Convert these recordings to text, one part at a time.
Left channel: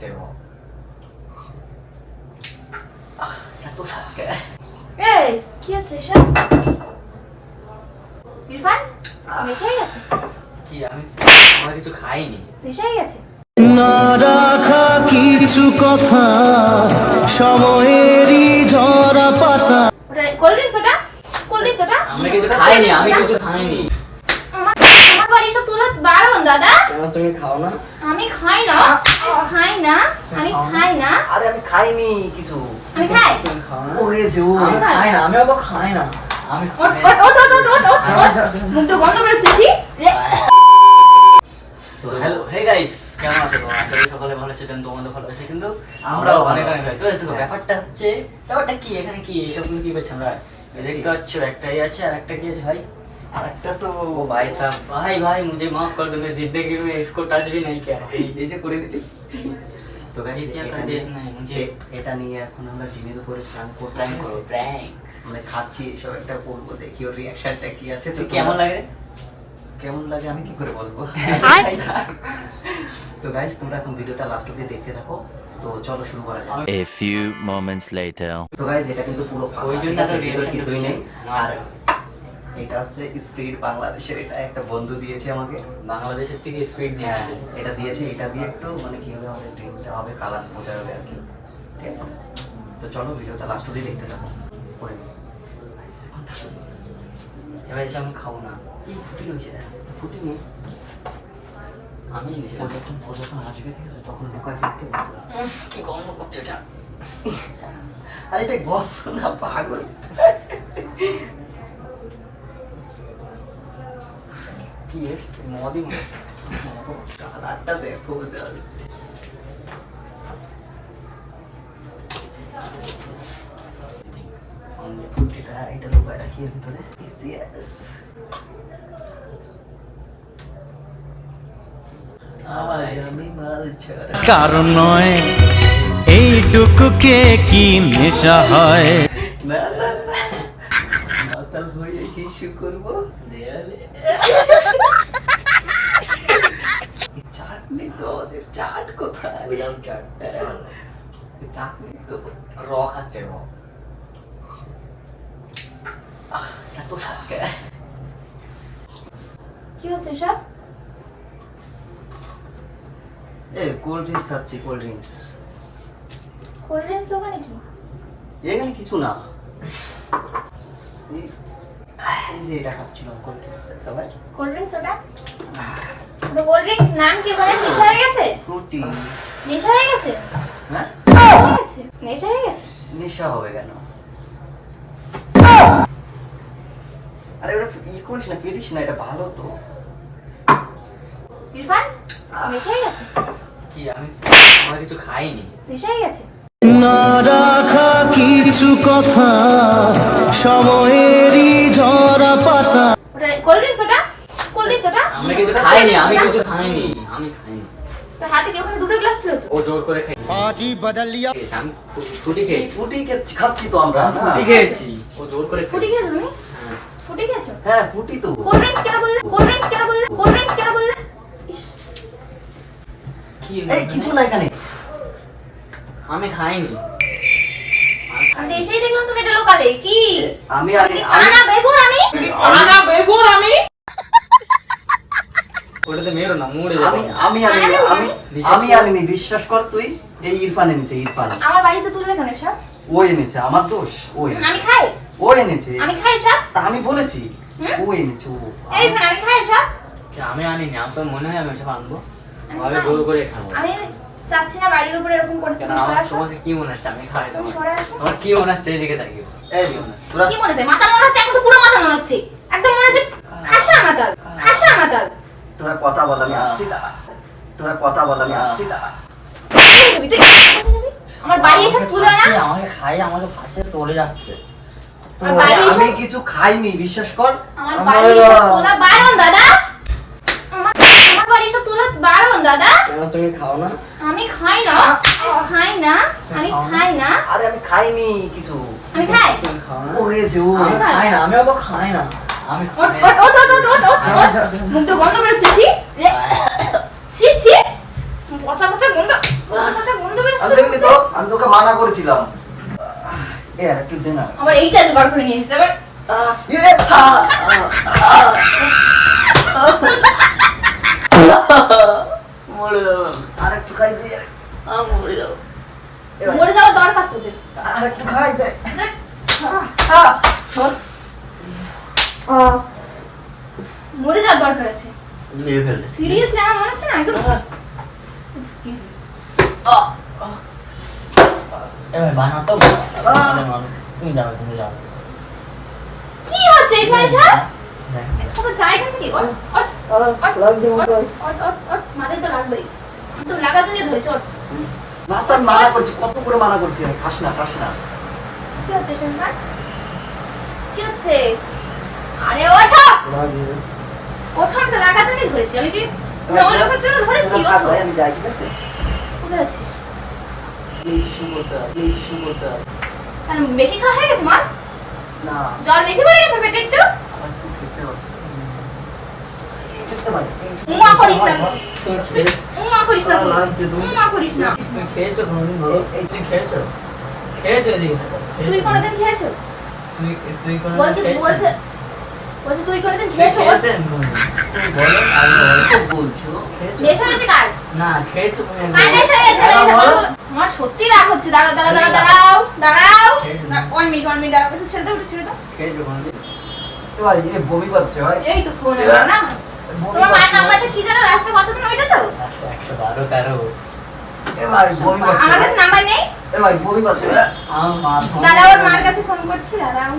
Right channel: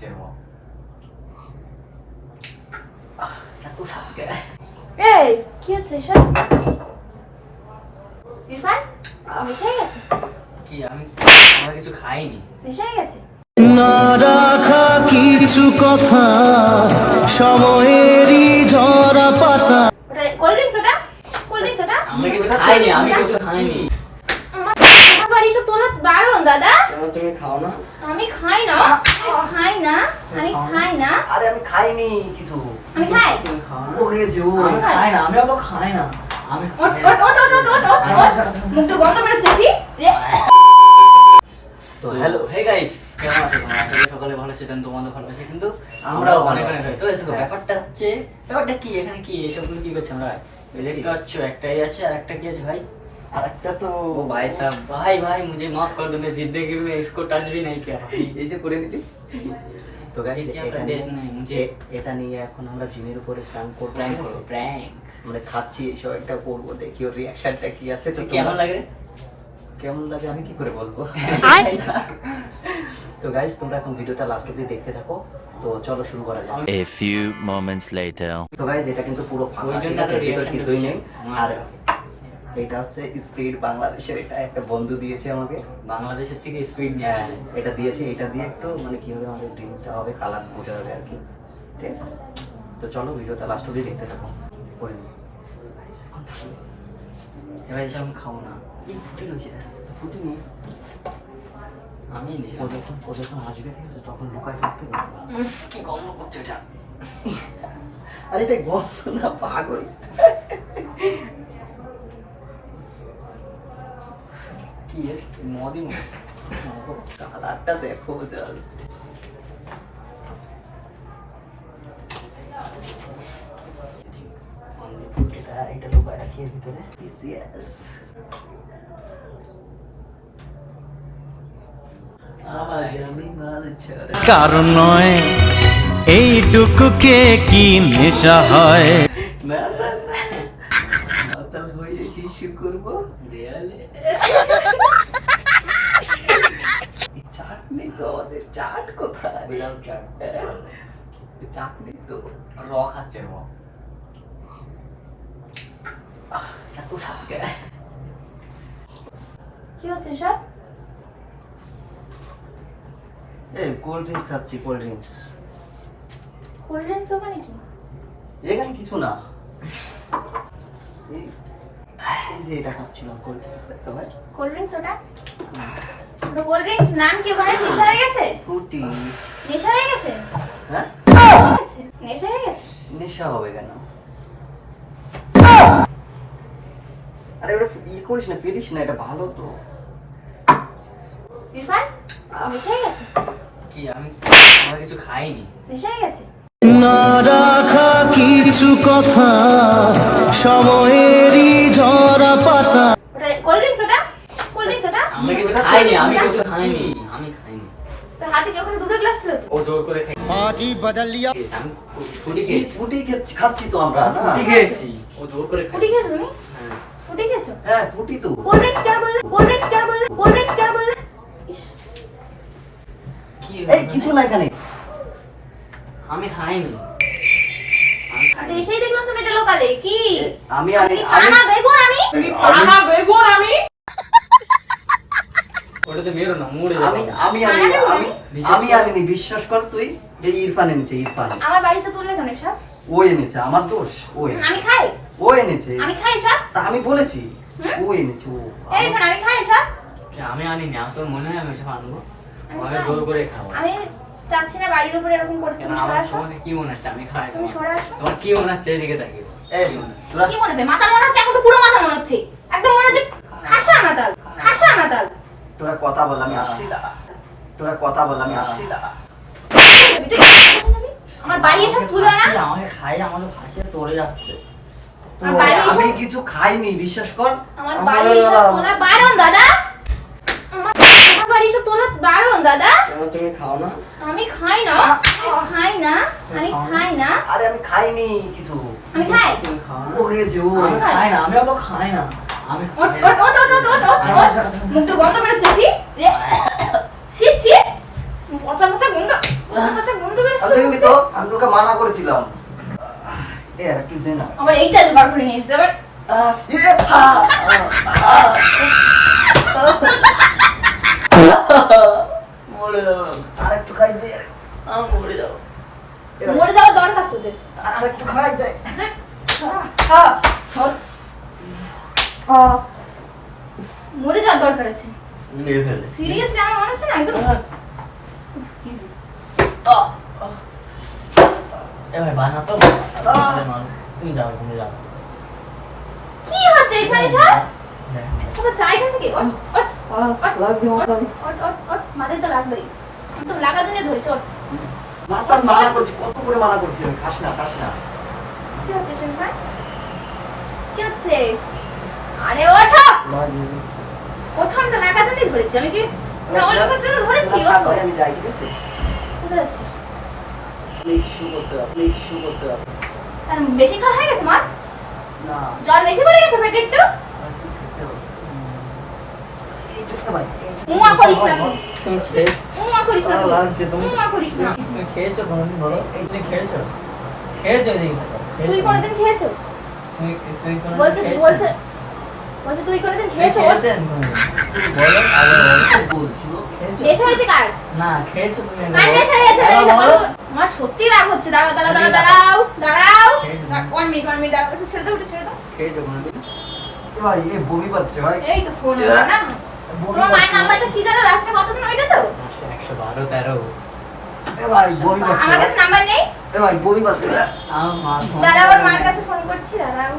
খাচ্ছে ও। এত সাতকে এই কি হচ্ছে সব? ইরফান নেশা হয়ে গেছে? কি আমরা কিছু খাইনি। নেশা হয়ে গেছে? না রাখা কিছু কথা সময়েরই ঝরা পাতা। ওটা কোল্ড ড্রিঙ্কস, ওটা কোল্ড ড্রিঙ্কস, ওটা আমরা কিছু খাইনি, আমি কিছু খাইনি। আমার বাড়ি সব তোলা বারণ দাদা। কেন তুমি খাও না? আমি খাই না, খাই না, আমি খাই না। আরে আমি খাইনি কিছু। আমি খাই। তুমি খাও না? ও খেয়েছে ও। আমি খাই না, আমিও তো খাই না। আমি ওট ওট ওট ওট ওট ওট ওট। মুখ তো বন্ধ করে ছি। তো হ্যালো হে গাইস, কেমন আছো তোমরা? আশা করি সকলে ভালো আছেন, তোমাদের ভালো আছে। কিন্তু আমরাও অনেক অনেক ভালো। তো দেখো ব্যাপারটা কি এখানে কি এসব তুমি কি করছো? আমরা এই দেখতে পাচ্ছ একটাই আছে, আর একটা কি আছে ভাই? আরেকটা তো ओ भाई साहब, भाई मुझे माफ कर दो, मैं जिंदगी में इसको टच भी नहीं किया भाई। এই যে করে দিলি। তো ये গাইস क्या कर देश नहीं मुझे এটা নিয়ে এখন আমরা জিমের উপরে প্র্যাঙ্ক করব। प्रैंक करो प्रैंक। আমরা খাচ্ছি এসব একটা করবো, দেখি ওর রিঅ্যাকশনটা কি আছে। তো কেমন লাগে? কেমন লাগে আমি কি করে বলবো। তো গাইস তোমরা এখন ভিডিওটা লাস্ট অবধি দেখতে থাকো। তো চলো শুরু করা যাক। A few moments later. তো গাইস এটা কিন্তু পুরো ফাঁকা, ওই জন্য ঠিক আছে? তো ভিতর reaction কিছুই নেই। করছি। আর এটা হচ্ছে স্পিড বাংলাদেশের, এটা একটা বন্ধু দিয়েছে আমাকে। বাংলাদেশের থেকে স্পিড নিয়ে হ্যাঁ আসে। এটা দিয়েছে, এটা দিয়ে একটু মানে কিভাবে আমাদের ড্রিমটা হবে, কালার বোঝা হবে আর কি, ঠিক আছে? তো চলো ভিডিওটা লাস্ট অবধি দেখতে থাকো। করে নিই। এবার এসে আমি খাবো না। এই ফুটে রয়েছে দেখ। ফুটে নিই। আমি নিজে ও যখন আসবে, ঠিক আছে, তখন লুকায় দেখতে পাবো। কি গন্ধ করছে এটা? আর এটা গল্প না, পাগল। কি এসছে মদি মনে। কালারটা দেখো জাস্ট। এটা লুকায় রাখি এর ভিতরে। ইয়েস। আওয়াজ আমি মাল ছাড়া। কারণ নয় এইটুকুকে কি নেশা হয়। না না, মাতাল হয়ে কিছু করবো। দেয়ালে চাটনি তো, ওদের চাট কোথায়? বিরাম চাট। চাটনি তো র খাচ্ছে র। এত সাতকে। কি হচ্ছে সব? এই কোল্ড ড্রিঙ্কস খাচ্ছি, কোল্ড ড্রিঙ্কস। কোল্ড ড্রিঙ্কস ওখানে কি? এখানে কিছু না। এই যে এটা খাচ্ছিলাম, কোল্ড ড্রিঙ্কস একটা ভাই। কোল্ড ড্রিঙ্কস, ওটা ওটা কোল্ড ড্রিঙ্কস নাম কি? ওখানে নেশা হয়ে গেছে? ফ্রুটি। নেশা হয়ে গেছে? হ্যাঁ, নেশা হয়ে গেছে? নেশা হবে কেন? আরে ওটা করিস না, ফেলিস না, এটা ভালো তো। ইরফান নেশা হয়ে গেছে? কি আমরা কিছু খাইনি। নেশা হয়ে গেছে? না রাখা কিছু কথা সময়েরই ঝরা পাতা। ওটা কোল্ড ড্রিঙ্কস, ওটা কোল্ড ড্রিঙ্কস, ওটা আমরা কিছু খাইনি, আমি কিছু খাইনি। আমি খাইনি। তো হাতে কি ওখানে দুটো গ্লাস ছিল তো? ও জোর করে খেয়েছে। পার্টি বদল লিয়া। আমি ফুটি খেয়েছি। ফ্রুটি খাচ্ছি তো আমরা না। ফুটি খেয়েছি। ও জোর করে ফুটি খেয়েছে। খেয়েছো তুমি? হ্যাঁ। ফুটি খেয়েছো? হ্যাঁ ফ্রুটি তো। কোল্ড ড্রিঙ্কস क्या बोल? কোল্ড ড্রিঙ্কস क्या बोल? কোল্ড ড্রিঙ্কস क्या बोल? ইস, কি এই কিছু না এখানে। আমি খাইনি। আমি এসেই দেখলাম তুমি এটা লোকালে কি? আমি আমি কানা বেগুন আমি ওটাতে মেরো না, মুড়ে আমি যাবে। আমি আমি আমি আনিনি, বিশ্বাস কর তুই। এই ইরফান এনেছে, ইরফান। আমার বাড়িতে তুললে কেন সব? ও এনেছে, আমার দোষ। ওই আমি খাই, ও এনেছে। আমি খাই সব। তা আমি বলেছি হুম? ও এনেছে ও। এই ফোন আমি খাই সব। কি আমি আনিনি? আমার তো মনে হয় আমি সব আনবো। আমি আমি খাই। জোর করে খাবো। আমি চাচ্ছি না বাড়ির উপরে এরকম করতে। কেন তুমি সরে আমার আসো। তোমাকে কি মনে হচ্ছে আমি খাই? তুমি সরে আসো। তোমার কি মনে হচ্ছে এদিকে তাকিয়ে? এই তোরা কি মনে হয়? মাথা মনে হচ্ছে? এখন তো পুরো মাথা মনে হচ্ছে। একদম মনে হচ্ছে খাসা মাতাল, খাসা মাতাল। তোরা কথা বল, আমি আসছি না। তোরা কথা বল, আমি আসছি না। তুই আমার বাড়ি এসে তুলবে না? আমাকে খাই, আমাকে ফাঁসে চলে যাচ্ছে। তো আমার বাড়ি এসে- আমি কিছু খাইনি, বিশ্বাস কর। আমার বাড়ি এসে তোলা বারণ দাদা। আমার বাড়ি এসে তোলা বারণ দাদা। কেন তুমি খাও না? আমি খাই না, খাই না, আমি খাই না। আরে আমি খাইনি কিছু। আমি খাই। তুমি খাও না? ও খেয়েছে ও। আমি খাই। খাই না, আমিও তো খাই না। আমি ওট খাই না। ওট ওট ওট ওট ওট। মুখ তো বন্ধ করে ছি। ছি ছি। পচা পচা গন্ধ আমি দেখলি তো আমি তোকে মানা করেছিলাম এ আর একটু দে না আমার এইটা যে বার করে নিয়ে এসেছে আবার মরে যাবো আর একটু খাই দে মরে যাবো মরে যাওয়ার দরকার তোদের আর একটু খাই দে মরে যাওয়ার দরকার আছে মেরে ফেলে সিরিয়াসলি আমার মনে হচ্ছে না একদম এবার বানা তো তুমি যাও তুমি যাও কি হচ্ছে এখানে স্যার তবে চাই এখান থেকে মাথায় তো লাগবেই আমি তো লাগা জন্য ধরেছি ওর মাতার মানা করছি কত করে মানা করছি আমি খাস না কি হচ্ছে স্যার কি হচ্ছে আরে ওঠো ওঠো আমি তো লাগা জন্য ধরেছি আমি কি লাগার জন্য ধরেছি ওঠো আমি যাই ঠিক আছে কোথায় যাচ্ছিস প্লিজ শুরু করতে হবে কারণ বেশি খাওয়া হয়ে গেছে মা না জল বেশি পড়ে গেছে পেটে একটু একটু খেতে হবে এই চুপতে পারি মুয়া করিস না তুমি মুয়া করিস না লাগছে তুমি মুয়া করিস না তুমি খেয়েছো কোনোদিন বলো এই তুমি খেয়েছো এদিকে থাকো তুই কোনোদিন খেয়েছো তুমি তুমি বলছে কোনোদিন বলছে বলছে তুই কোনোদিন তুমি খেয়েছো খেয়েছেন কোনোদিন তুমি বলো আগে বলো বলছি খেয়েছো নেশা হয়েছে কার না খেয়েছো তুমি কার নেশা হয়েছে আমার সত্যি রাগ হচ্ছে দাঁড়াও ওয়ান মিনিট দাঁড়াও ছেড়ে দাও খেয়েছো কোনোদিন ভাই এই বমি পাচ্ছে ভাই এই তো ফোন না তোমার মায়ের নাম্বারটা কি জানো লাস্টে কতদিন ওইটা তো 112 13 এ ভাই বমি পাচ্ছে আমার কাছে নাম্বার নেই এ ভাই বমি পাচ্ছে আমার মা দাঁড়াও ওর মার কাছে ফোন করছি দাঁড়াও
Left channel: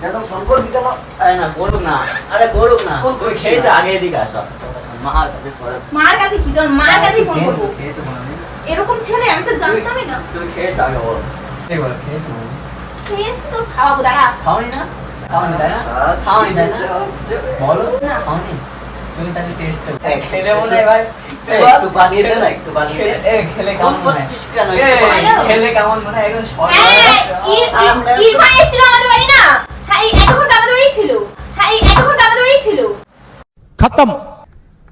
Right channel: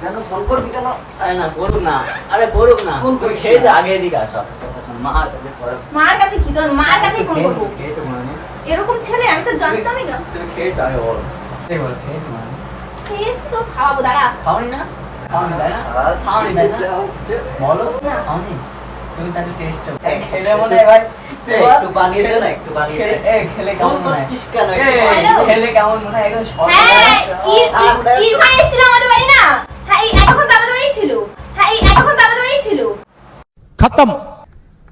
কেন ফোন করবি কেন আরে না করুক না আরে করুক না ফোন তুমি করছি খেয়েছো না। আগে এদিকে আসো কথা শোন মার কাছে পড়ে মার কাছে কি তোর মার কাছে ফোন করবো খেয়েছো কোনোদিন এরকম ছেলে আমি তো জানতামই না তুমি খেয়েছো আগে বলো এই বলো খেয়েছো না খেয়েছি তো খাওয়াবো দাঁড়া খাওনি না খাওনি তাই না খাওনি তাই না বলো না। খাওনি তুমি তাহলে টেস্ট খেলে মনে হয় ভাই একটু বানিয়ে দে না একটু বানিয়ে দে খেলে কেমন মনে হয় করছিস কেন খেলে কেমন মনে হয় একদম হ্যাঁ ইরফান এসেছিল আমাদের বাড়ি না হ্যাঁ এই এতক্ষণ তো আমাদের বাড়ি ছিল खत्म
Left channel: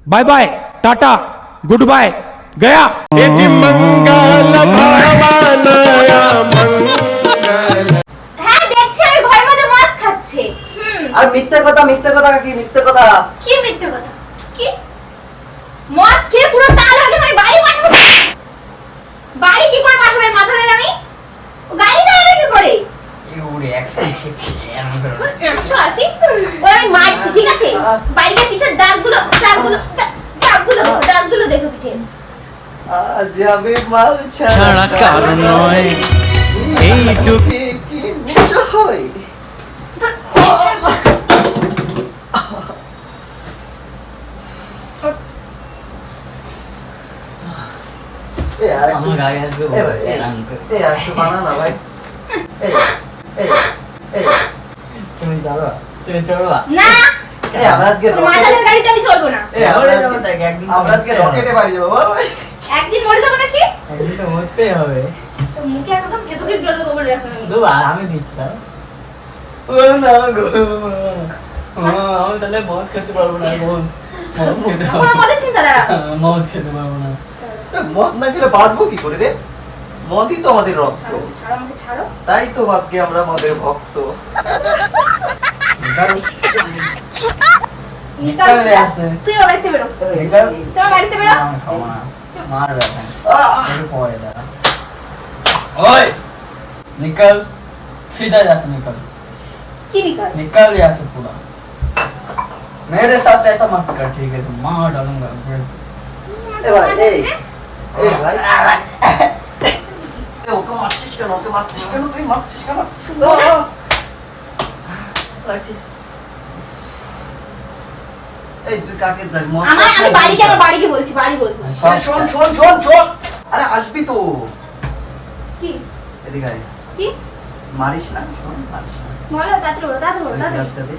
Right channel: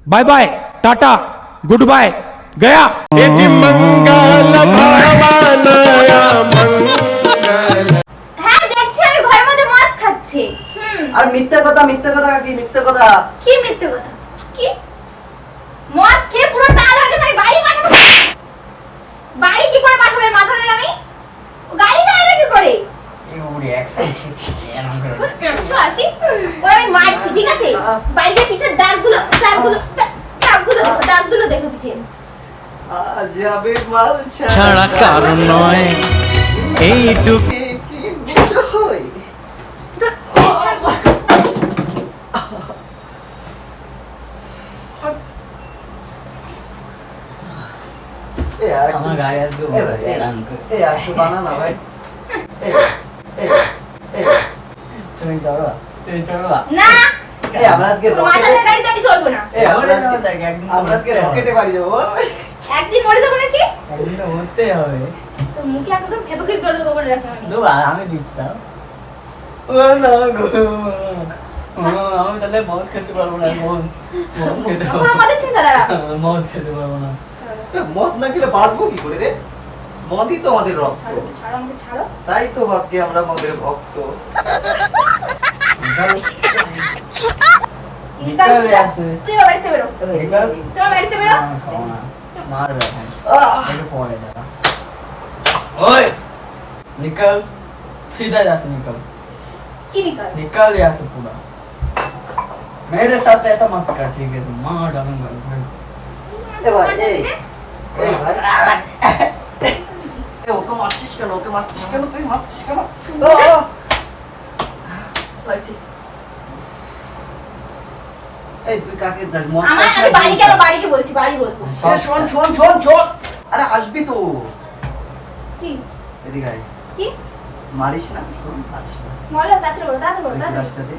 bye bye tata good bye गया হ্যাঁ দেখছি আমি ঘরের মধ্যে মদ খাচ্ছে আর মিথ্যে কথা কি মিথ্যে কথা কি মিথ্যে কথা কি মদ খেয়ে পুরো টাল হয়ে গেছে আমি বাড়ি পাঠাবো বাড়ি কি করে পাঠাবে মাথা নেই আমি ও গাড়ি চালাবে কি করে ইউরে এক্সাইট এমন করে 180 ওই আমি মারছি ঠিক আছে বাইরে পিঠের দাগগুলো দেখো পিঠে আজ আমি মাল ছাড়া কারণ নয় এইটুকু কি নেশা হয় তোর এ আর আমার গাড়ি আসবে এ ভাই এ আর একটু বানা না ভাই এ এ এ তুমি চলো না এ আমরা আজকে মাতালের গাড়িতে আমি চলবো না এ আমরা আজকে রকেটে বাড়ি যাবো বল ভাই একদিন মরে যাবো নাকি একদিন তো মরতেই হবে তো মুখে একদম ফেবুকি জল দেবো বলে রাখলাম আমি দু আর আমি দিচ্ছিলাম ও না গো আমি তাহলে মদ খেতে পারবো না এখন আমাদের চিন্তা দাঁড়া মদ খেতে পারবো না মদ না খেলে বাঁচবো কি করে রে মদই তো আমাদের রক্ত ছাড়ো আমাকে ছাড়ো তাই তো আজকে আমরা মদের ভক্ত নিকাল চলে আসে। তুই আমার বাড়িতে বেরো তোমার বাড়িতে বেরো না, খাবো না। মারবে এখন। একটু পরে দাঁড়া। ओए निकल सीधा जा से निकल কি নিকাল निकल यहाँ से पूरा मेरे साथ ऐसा मत कर ठीक है तो मार डालूंगा फिर এ ভাই এই এ ভাই এ ওকে মারছিস কেন তুই মারছিস কেন লাগছে এই তুই কাকে যাস মদ আমি বাড়িকে বলছি বাড়ি বলবো শোন আরে আসবি তো কি এদিকে আয় কি মারিস না শোন মারিস না বলো তাড়াতাড়ি বলো রাস্তা দে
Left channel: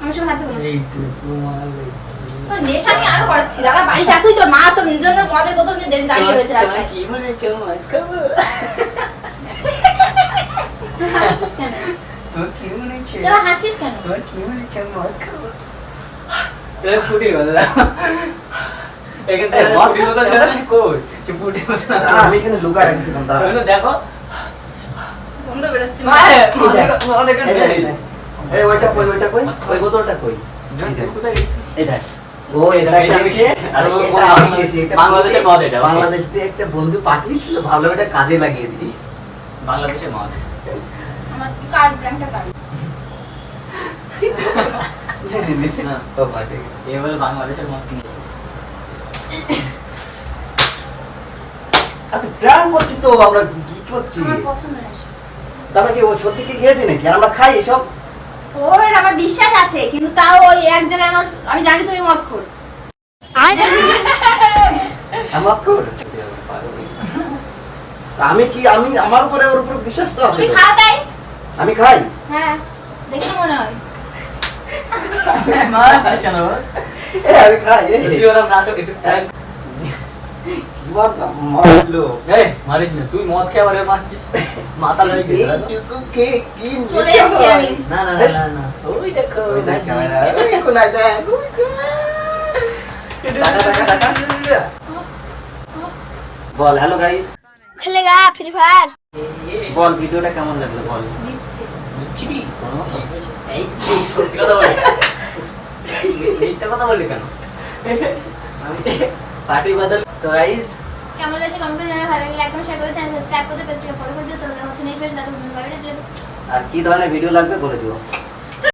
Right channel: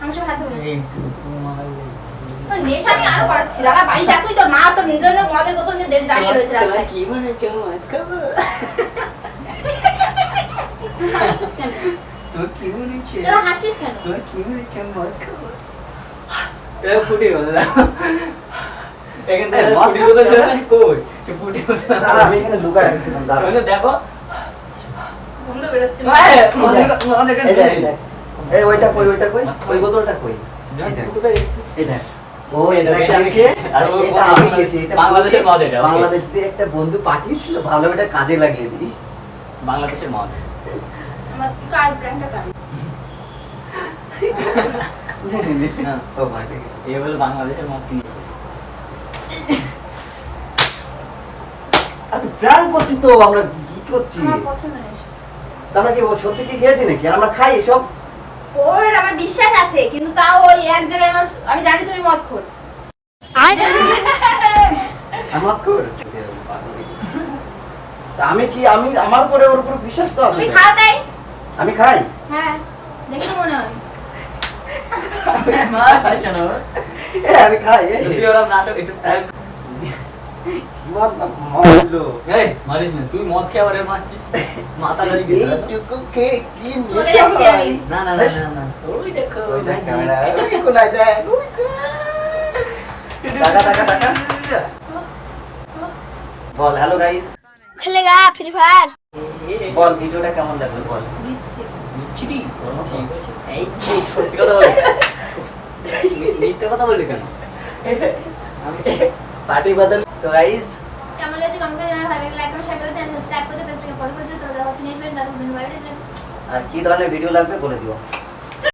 আমি সব হাতে বলো এইটুকু মারলে তোর নেশা আমি আরো করাচ্ছি দাদা বাড়ি যা তুই তোর মা তোর নিজের জন্য মদের বোতল নিয়ে দাঁড়িয়ে রয়েছে রাস্তায় কি বলেছো মত খাবো হাসছিস কেন তো কি বলেছো তোরা হাসছিস কেন তো কি বলেছো মত খাবো এটা ফুটি বলে দাও এখান থেকে মদ ফুটি কোথায় খাচ্ছে? ছিল? কই? সে ফুটি কোথায়? দাঁড়া, আমি এখানে লুকায় রাখছিলাম, দাঁড়া। শোনো, দেখো। গন্ধ বেরোচ্ছে হ্যাঁ, এই মদ এখানে দেখ, এই নেই। দেখ। এই ওইটা কই, ওইটা কই? ওই বোতলটা কই? এই দেখ। তুই কোথায় গেছিস? এই দেখ। ও এটা এটা খেয়েছে, আর এটা এটা আমি খেয়েছি। এটা বাংলাদেশের মদ এটা, okay? বাংলাদেশ দিয়ে একটা বন্ধু পাঠিয়েছিল, ভাবলাম এটা কাজে লাগিয়ে দিই। বাংলাদেশের মদ। আমার কার ব্র্যান্ডটা কার না, ও ভাই, ঠিক আছে। এ বলে বাংলাদেশের মদ কিনেছে। আরে প্ল্যান করছি তো আমরা, কি করছি? আমার পছন্দ নেই আমরা কি ও সত্যি কি খেয়েছি নাকি? আর আমরা খাই এসব? ওর আমার বিশ্বাস আছে কিন্তু তাও ওই এক জায়গায় আমার আমি জানি তুমি মদ খোর আমার কর। তা আমি কি, আমি আমার উপরে ওর উপর বিশ্বাস তো আছে তুমি তো। খাও তাই আমি খাই। হ্যাঁ দেখে মনে হয় মারছিস কেন? আমি খাই। এই তুই ওরম নাটক একটু try কর। কি মারলো? এই, মারিস না, তুই মদ খেয়ে আবার এর মারছিস? মাথা লয়ে গেছে, দেখো। এইটুকু খেয়ে কি চলে নেশা যাচ্ছি ভাই। আমি। না না না না না, ওই দেখো, ওই দেখ দেখি। ক্যামেরা, ওই কোনায় দেখ, ওই দেখ। টাকা, টাকা, টাকা। বল হ্যালো গাইস, খেলেগা ফ্রি ফায়ার বল ভিডিওটা কেমন লাগলো বল। দিচ্ছি বুঝছি নি? ঠিক আছে। এই, তুই সত্যি কথা বলি। মিথ্যা কথা বললি কেন? আমি পার্টি বদল তো গাইস, কেমন লাগছে কমেন্ট করে জানাও ভালো লাগলে লাইক করুন শেয়ার করুন চ্যানেল সাবস্ক্রাইব করতে পেজটাকে ফলো করে দিও চলে যাওয়া হচ্ছে নেক্সট ভিডিও ততক্ষণ বাই বাই। আর কি ধরনের ভিডিও লাগবে বলে দিও।